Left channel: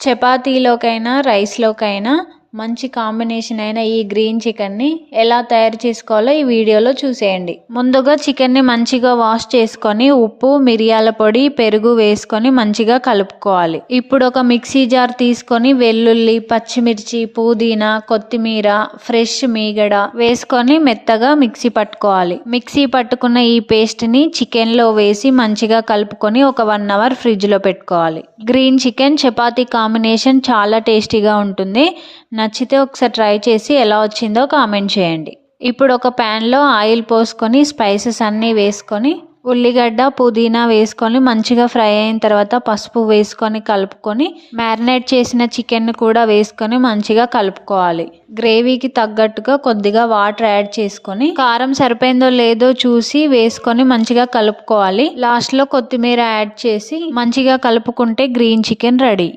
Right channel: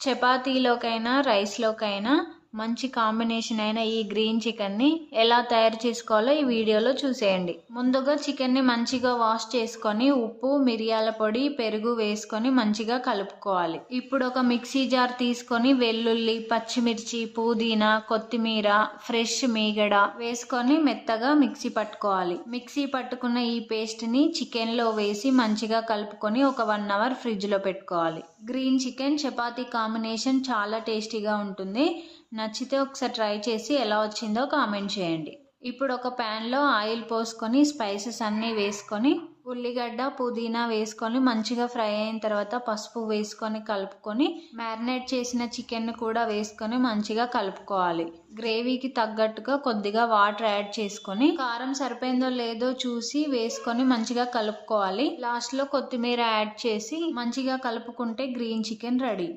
చపాతీలోకైనా రైస్లోకైనా మంచి కాంబినేషన్ అయిన ఈ గ్రీన్ చికెన్ని ఎలా తయారు చేసుకోవాలో ఈ వీడియోలో చూసేయండి. ముందుగా చికెన్ని మంచిగా వాష్ చేసుకొని ఉప్పు మిరియాల పొడి పెరుగు వేసుకొని మంచిగా కలుపుకోవాలి. ఇప్పుడు ఒక మిక్సీ జార్ తీసుకొని వెల్లుల్లి పచ్చిమిర్చి పుదీనా కొత్తిమీర ఫ్రెష్ మీగడ వేసుకొని మెత్తగా మిక్సీ పట్టుకోవాలి. మిక్సీ పట్టుకున్న ఈ పేస్ట్ని చికెన్లో వేసి మంచిగా కలుపుకొని ఒక వన్ అవర్ ఫ్రిడ్జ్లో పెట్టుకోవాలి. గ్రీన్ చికెన్ చపాతీ కాంబినేషన్ చాలా టేస్టీగా ఉంటుంది. నచ్చితే ఒకసారి ట్రై చేసి ఎలా వచ్చిందో కామెంట్ చేయండి. ఇప్పుడు ఒక ప్యాన్లో ఆయిల్ పోసుకొని స్పైసెస్ అన్నీ వేసుకొని ఉల్లిగడ్డ పుదీనా వేసుకొని మంచిగా ఫ్రై అయిన తర్వాత పసుపు వేసుకొని కలుపుకొని మ్యారినేట్ చేసిన చికెన్ కూడా వేసుకొని మంచిగా కలుపుకోవాలి. గ్రేవీకి తగ్గట్టుగా కొద్దిగా వాటర్ యాడ్ చేసుకొని కారం సరిపోయిందో లేదో చూసి వేసుకొని మంచిగా కలుపుకోవాలి. లాస్ట్లో కొత్తిమీర యాడ్ చేసి మంచిగా కలుపుకుంటే గ్రీన్ చికెన్ రెడీ